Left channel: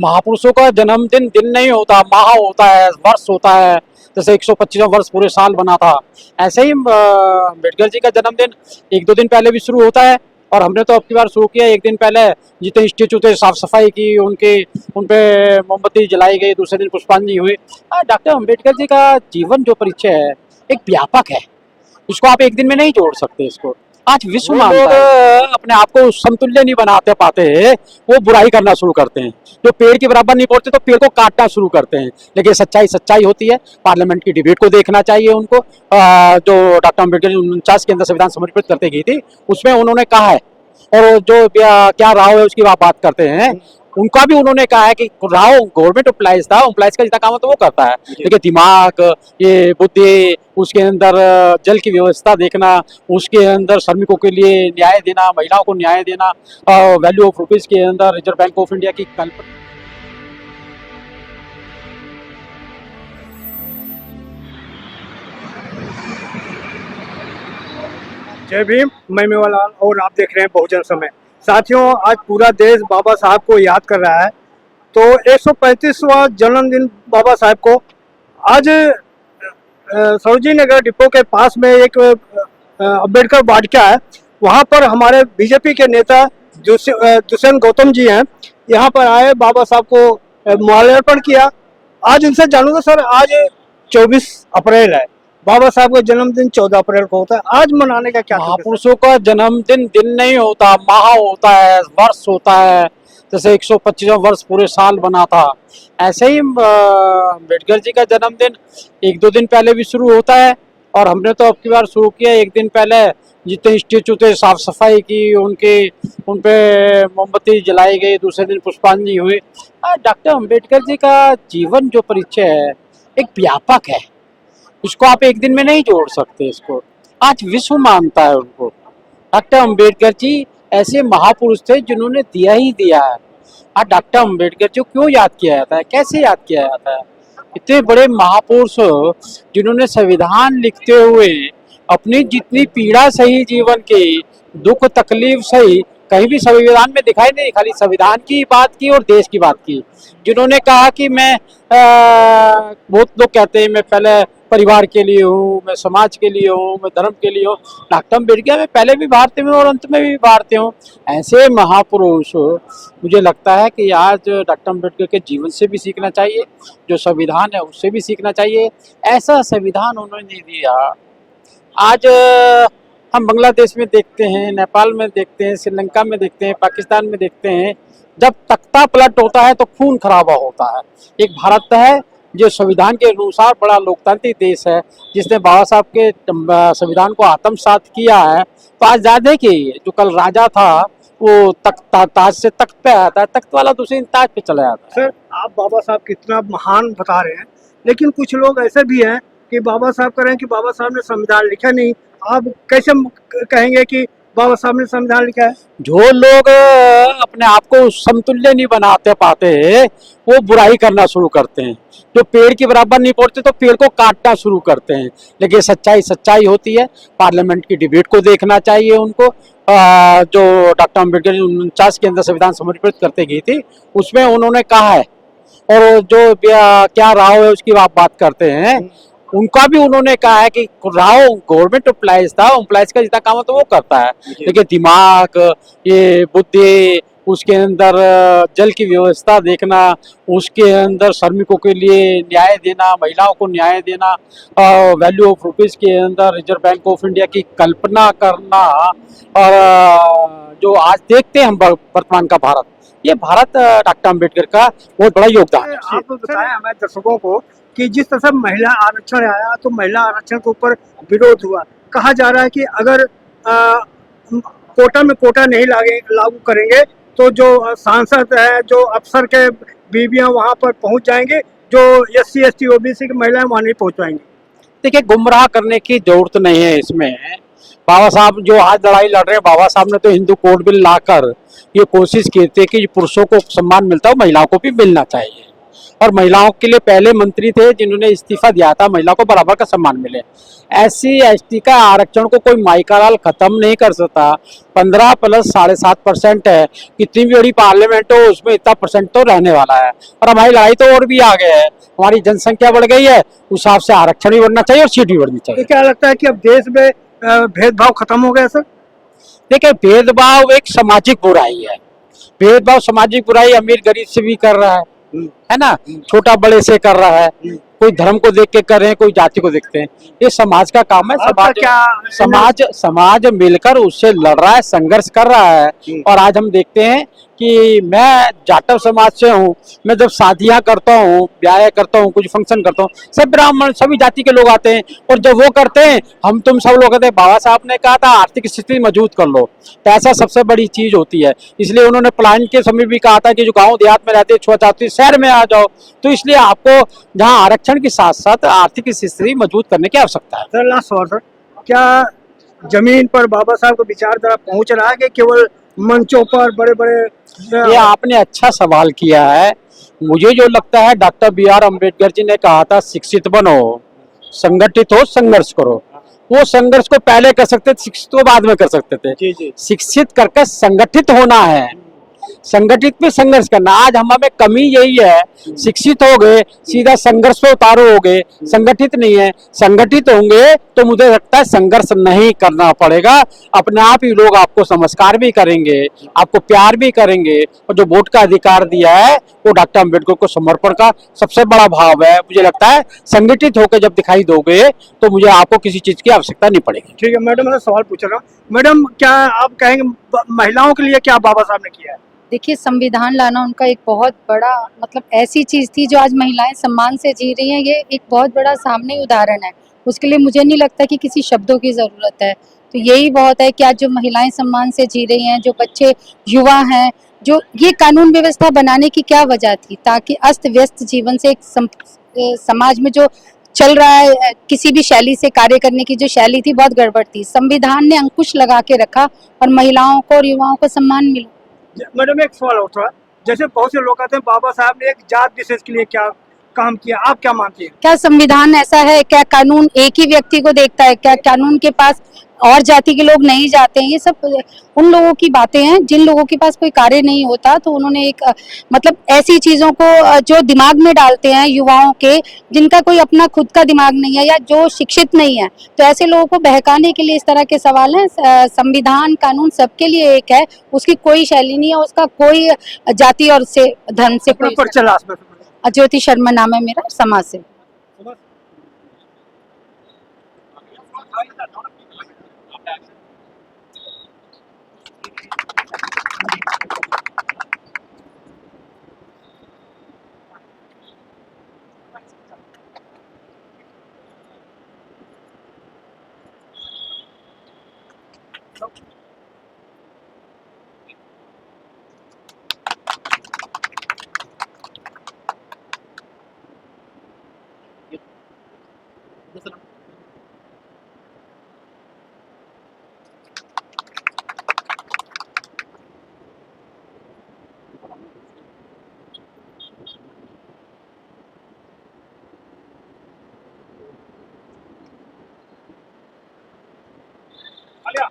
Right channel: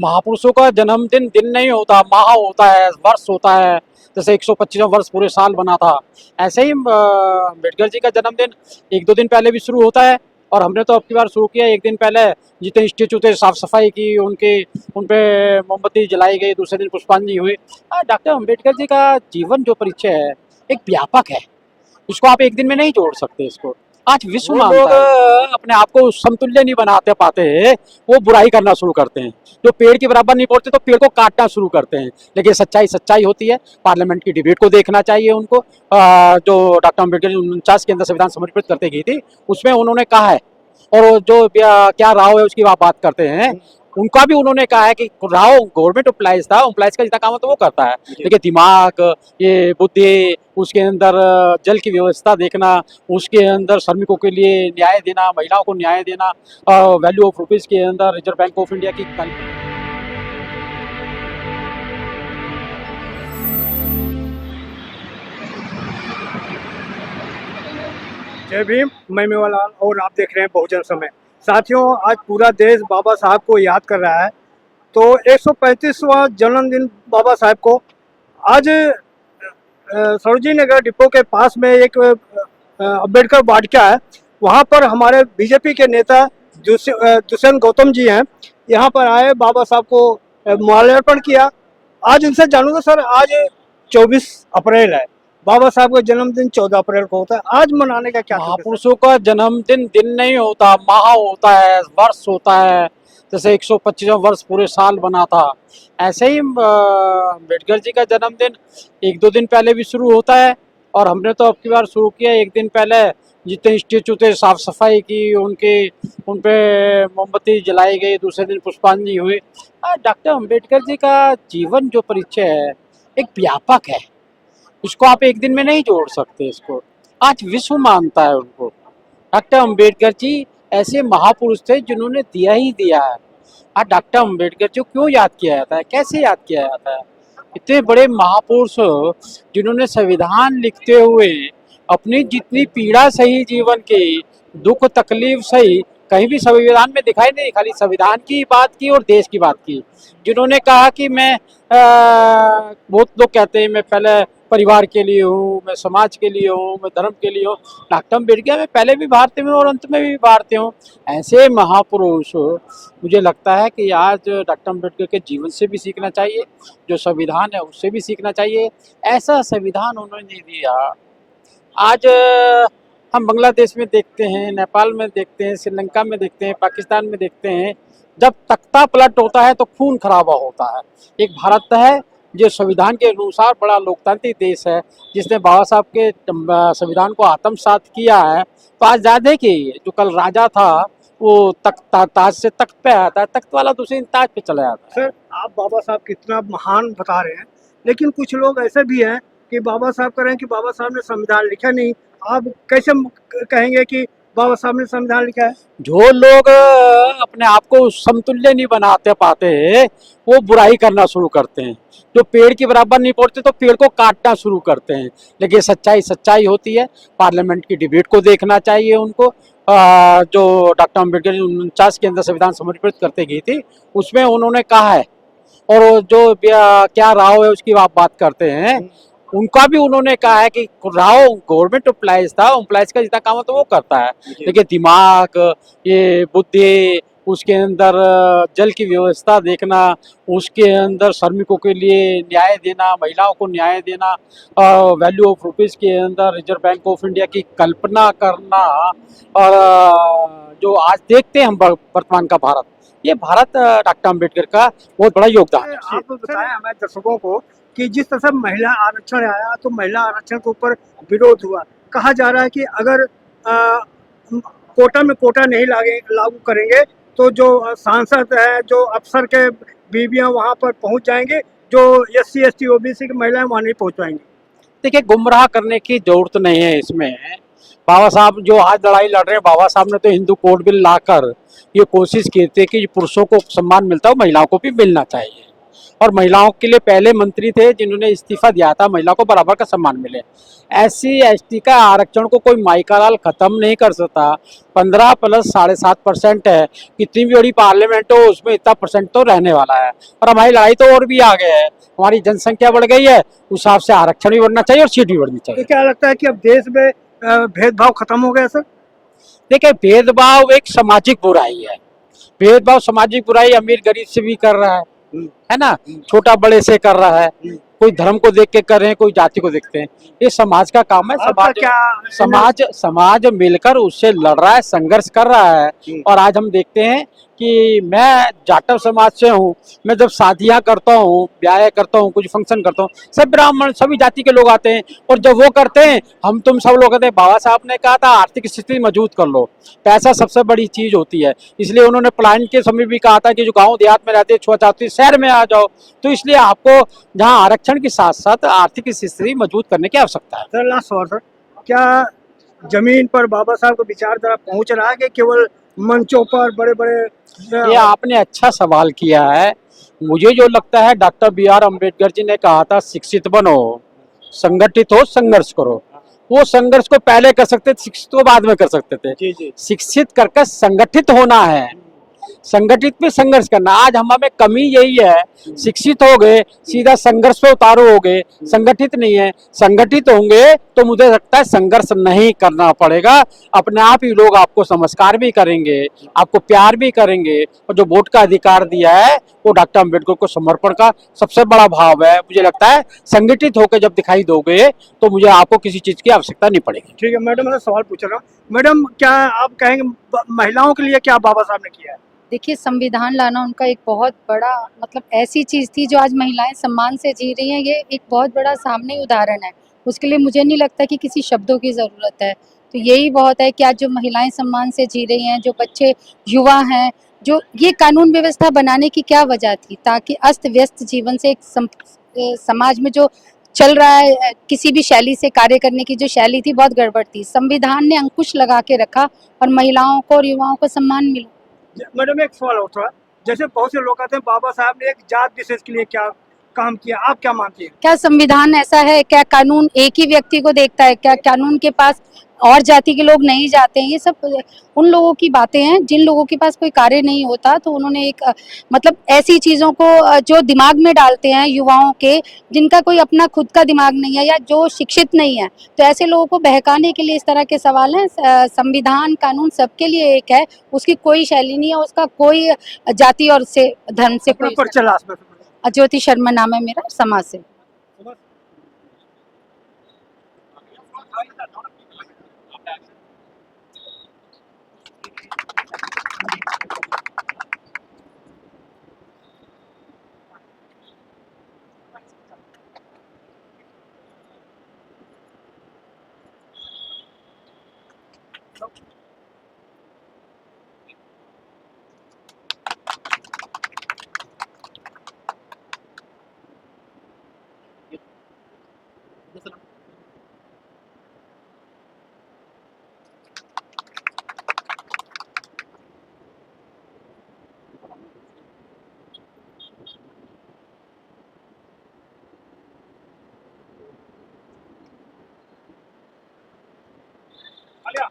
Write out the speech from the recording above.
महापुरुषों का जन्मदिन दिन नहीं होता, माह होता है, वर्ष होता है। जैसे 125वां वर्ष पूरे साल बना था, ऐसे ही अम्बेडकर जी का जन्मदिन एक दो दिन पहले भी शुरू होता है। और हमने तो अब की बार शुरू किया एक दिन पहले, जितने इंस्टीट्यूट थे साफ सफाई की, उनके उन पे मोमबत्ती जलाई गई, दूसरे दिन पुष्पांजलि हुई। डॉक्टर अम्बेडकर जी का जीवन जो परिचय है एक व्यापक है, इसको आप एक दिन में नहीं जोड़ सकते। इसको आज विश्व मानता है। अपने आप को समतुल्य नहीं बनाते पाते, वो बुराई करना शुरू करते हैं। जो पेड़ के बराबर नहीं पहुंचते तो पेड़ को काटना शुरू करते हैं। लेकिन सच्चाई सच्चाई होती है। पार्लियामेंट की डिबेट को देखना चाहिए उनको। जो डॉक्टर अम्बेडकर 49 के अंदर संविधान समर्पित करते गई थी, उसमें उन्होंने कहा है, और जो क्या राव है उसकी बात करते हैं, उनका भी उन्होंने कहा है कि राव गवर्नमेंट एम्प्लॉइज था, एम्प्लॉइज का जितना काम है तो वो करता है, लेकिन दिमाग, ये बुद्धि, उसके अंदर जल की व्यवस्था देखना, उसके अंदर श्रमिकों के लिए न्याय देना, महिलाओं को न्याय देना, वैल्यू ऑफ रुपीज के अंदर रिजर्व बैंक ऑफ इंडिया की कल्पना। जय भीम। मैं मेवालाल और आप देख रहे हैं बहुजन समय। साथियों, आज पूरा देश बाबा साहब को याद कर रहा है। तो 135वां जन्मदिन बाबा साहब को आज सरोजिनी नगर डिपो के पास में एक अम्बेडकर वाटिका है, वहाँ पर हमारे बीजेपी के नेता दुष्यंत गौतम जी हैं, यहाँ पर आए, बाबा साहब को माल्यार्पण किया। आज उनसे जानूंगा, सर आज 24 अप्रैल है, बाबा साहब का जन्मदिन 14 अप्रैल को होता है, आज मनाने का क्या? महापुरुषों का जन्मदिन दिन नहीं होता, माह होता है, वर्ष होता है। जैसे 125वां वर्ष पूरे साल बना था, ऐसे ही अम्बेडकर जी का जन्मदिन एक दो दिन पहले भी शुरू होता है। और हमने तो अब की बार शुरू किया एक दिन पहले, जितने इंस्टीट्यूट थे साफ सफाई की, उन पे मोमबत्ती जलाई गई, दूसरे दिन पुष्पांजलि हुई। डॉक्टर अम्बेडकर जी का जीवन जो परिचय है एक व्यापक है, इसको आप एक दिन में नहीं जोड़ सकते। इसको आज विश्व मानता है उनको। डॉक्टर अम्बेडकर जी ऐसे महापुरुष थे जिन्होंने दिया ही दिया है। आज डॉक्टर अम्बेडकर जी को क्यों याद किया जाता है, कैसे याद किया जाता है? इतने बड़े महापुरुष जिन्होंने संविधान लिखते हुए अपनी जितनी पीड़ा सही जीवन की, दुख तकलीफ सही, कहीं भी संविधान में दिखाई नहीं, खाली संविधान की बात की और देश की बात की। जिन्होंने कहा कि मैं बहुत लोग कहते हैं मैं पहले परिवार के लिए हूँ, मैं समाज के लिए हूँ, मैं धर्म के लिए हूँ। डॉक्टर अम्बेडकर मैं पहले भी भारतीय हूँ और अंत में भी भारतीय हूँ। ऐसे महापुरुष मुझे लगता है कि आज डॉक्टर अम्बेडकर के जीवन से भी सीखना चाहिए, जो संविधान है उससे भी सीखना चाहिए। ऐसा संविधान उन्होंने दिया। आज हम बांग्लादेश में देखते हैं, नेपाल में देखते हैं, श्रीलंका में देखते हैं, पाकिस्तान में देखते हैं, जब तख्ता पलट होता है तो खून खराबा होता है। एक भारत है जो संविधान के अनुसार बड़ा लोकतांत्रिक देश है, जिसने बाबा साहब के संविधान को आत्मसात किया है। तो आज याद है कि जो कल राजा था वो ताज से तख्त पे आया था, तख्त वाला दूसरे ताज पे चला जाता है। सर, आप बाबा साहब कितना महान बता रहे हैं, लेकिन कुछ लोग ऐसे भी हैं कि बाबा साहब कह रहे हैं कि बाबा साहब ने संविधान लिखा नहीं। आप कैसे कहेंगे कि बाबा साहब ने संविधान लिखा है? जो लोग अपने आप को समतुल्य नहीं बनाते पाते, वो बुराई करना शुरू करते हैं। जो पेड़ के बराबर नहीं पहुंचते तो पेड़ को काटना शुरू करते हैं। लेकिन सच्चाई सच्चाई होती है। पार्लियामेंट की डिबेट को देखना चाहिए उनको। जो डॉक्टर अम्बेडकर 49 के अंदर संविधान समर्पित करते गई थी, उसमें उन्होंने कहा है, और जो क्या राव है उसकी बात करते हैं, उनका भी उन्होंने कहा है कि राव गवर्नमेंट एम्प्लॉइज था, एम्प्लॉइज का जितना काम है तो वो करता है, लेकिन दिमाग, ये बुद्धि, उसके अंदर जल की व्यवस्था देखना, उसके अंदर श्रमिकों के लिए न्याय देना, महिलाओं को न्याय देना, वैल्यू ऑफ रुपीज के अंदर रिजर्व बैंक ऑफ इंडिया की कल्पना करना, और जो आज देखते हैं हम वर्तमान का भारत, ये भारत डॉक्टर अम्बेडकर का बहुत बड़ा योगदान है। आप बताएं हमारे दर्शकों को कि जिस तरह से महिला आरक्षण आया तो महिला आरक्षण के ऊपर विरोध हुआ। कहा जा रहा है कि अगर कोटा में कोटा नहीं लागू करेंगे तो जो सांसद है, जो अफसर के बीवियां वहां पर पहुंच जाएंगे, जो SC ST OBC की महिलाएं वहां नहीं पहुंच पाएंगी। देखिए, गुमराह करने की जरूरत नहीं है इसमें। बाबा साहब जो आज लड़ाई लड़ रहे हैं, बाबा साहब ने तो हिंदू कोड बिल लाकर ये कोशिश की थी कि पुरुषों को सम्मान मिलता है, महिलाओं को भी मिलना चाहिए। और महिलाओं के लिए पहले मंत्री थे जिन्होंने इस्तीफा दिया था महिला को बराबर का सम्मान मिले। एससी एसटी का आरक्षण को कोई माइकालाल खत्म नहीं कर सकता। 15 प्लस 7.5% है, कितनी भी बड़ी पार्लियामेंट हो उसमें इतना परसेंट तो रहने वाला है। और हमारी लड़ाई तो और भी आगे है, हमारी जनसंख्या बढ़ गई है, उस हिसाब से आरक्षण भी बढ़ना चाहिए और सीट भी बढ़नी तो चाहिए। क्या लगता है कि अब देश में भेदभाव खत्म हो गया सर? देखिए, भेदभाव एक सामाजिक बुराई है। भेदभाव सामाजिक बुराई अमीर गरीब से भी कर रहा है ना, छोटा बड़े से कर रहा है, कोई धर्म को देख के कर रहे हैं, कोई जाति को देखते हैं। ये समाज का काम है। आपका समाज क्या समाज मिलकर उससे लड़ रहा है, संघर्ष कर रहा है। और आज हम देखते हैं कि मैं जाटव समाज से हूँ, मैं जब शादियां करता हूँ, ब्याह करता हूँ, कुछ फंक्शन करता हूँ, सब ब्राह्मण सभी जाति के लोग आते हैं। और जब वो करते हैं हम तुम सब लोग कहते हैं बाबा साहब ने कहा था आर्थिक स्थिति मजबूत कर लो, तो ऐसा सबसे बड़ी चीज होती है। इसलिए उन्होंने प्लान के समय भी कहा था कि जो गांव देहात में रहते हैं चाहते शहर में आ जाओ। तो इसलिए आपको जहां आरक्षण के साथ साथ आर्थिक स्थिति मजबूत करने की आवश्यकता है। सर लास्ट सवाल सर, क्या जमीन पर बाबा साहब का विचारधारा पहुंच रहा है कि केवल मंचों पर बड़े बड़े ये आपने अच्छा सवाल किया है। मुझे जो लगता है doctor B are Ambedkar ji ने कहा था शिक्षित बनो, संगठित हो, संघर्ष करो। वो संघर्ष को पहले कर सकते थे, शिक्षित को बाद में कर सकते थे। जी जी शिक्षित करके संगठित होना है, संगठित में संघर्ष करना। आज हमें कमी यही है, शिक्षित हो गए सीधा संघर्ष पे उतारो हो गए, संगठित नहीं है। संगठित होंगे तो मुझे लगता है संघर्ष नहीं करना पड़ेगा, अपने आप ही लोग आपको नमस्कार भी करेंगे, आपको प्यार भी करेंगे। और जो वोट का अधिकार दिया है वो डॉक्टर अम्बेडकर को समर्पण का सबसे बड़ा भाव है। मुझे लगता है संगठित होकर जब दिखाई दोगे तो मुझे आपको किसी चीज की आवश्यकता नहीं पड़ेगी। ठीक है मैडम, मैं सवाल पूछ रहा हूँ। मैडम क्या आप कहेंगे महिलाओं के लिए क्या बाबा साहब ने किया है? देखिए, संविधान लाना उनका एक बहुत बड़ा मतलब ऐसी चीज़ थी जो आज महिलाएं सम्मान से जी रही हैं, ये एक बहुत बड़ा सामने उदाहरण है। उसके लिए मुझे नहीं लगता कि किसी शब्दों की ज़रूरत है। तो यही बहुत है कि आज जो महिलाएं सम्मान से जी रही हैं, जो बच्चे युवा हैं, जो ये कानून व्यवस्था बनाने की क्या वजह थी, ताकि अस्त व्यस्त जीवन से एक समाज में जो चल रहा है किसी भी शैली से कार्य करने की जो शैली थी बहुत गड़बड़ थी। संविधान ने अंकुश लगा के रखा और महिलाओं को और युवाओं को सम्मान मिला। मैडम एक सवाल और था, जैसे बहुत से लोग कहते हैं बाबा साहब ने एक जात विशेष के लिए क्या काम किया, आप क्या मानती हैं? क्या संविधान ऐसा है? क्या कानून एक ही व्यक्ति को देखता है? क्या कानून के पास और जाति के लोग नहीं जाते हैं? ये सब उन लोगों की बातें हैं जिन लोगों के पास कोई कार्य नहीं होता, तो उन्होंने एक मतलब ऐसी चीजों को जो दिमाग में डालते हैं युवाओं के, जिनका कोई अपना खुद का दिमाग नहीं है या जो शिक्षित नहीं है, तो ऐसे लोगों को बहकाने के लिए इस तरह के सवाल हैं। संविधान कानून सबके लिए एक है, उसकी कोई शैली नहीं है, उसका कोई जाति और से धर्म से अपना कोई परिचय लास्ट में। ज्योति शर्मा नाम है मेरा, समाज से। आलिया।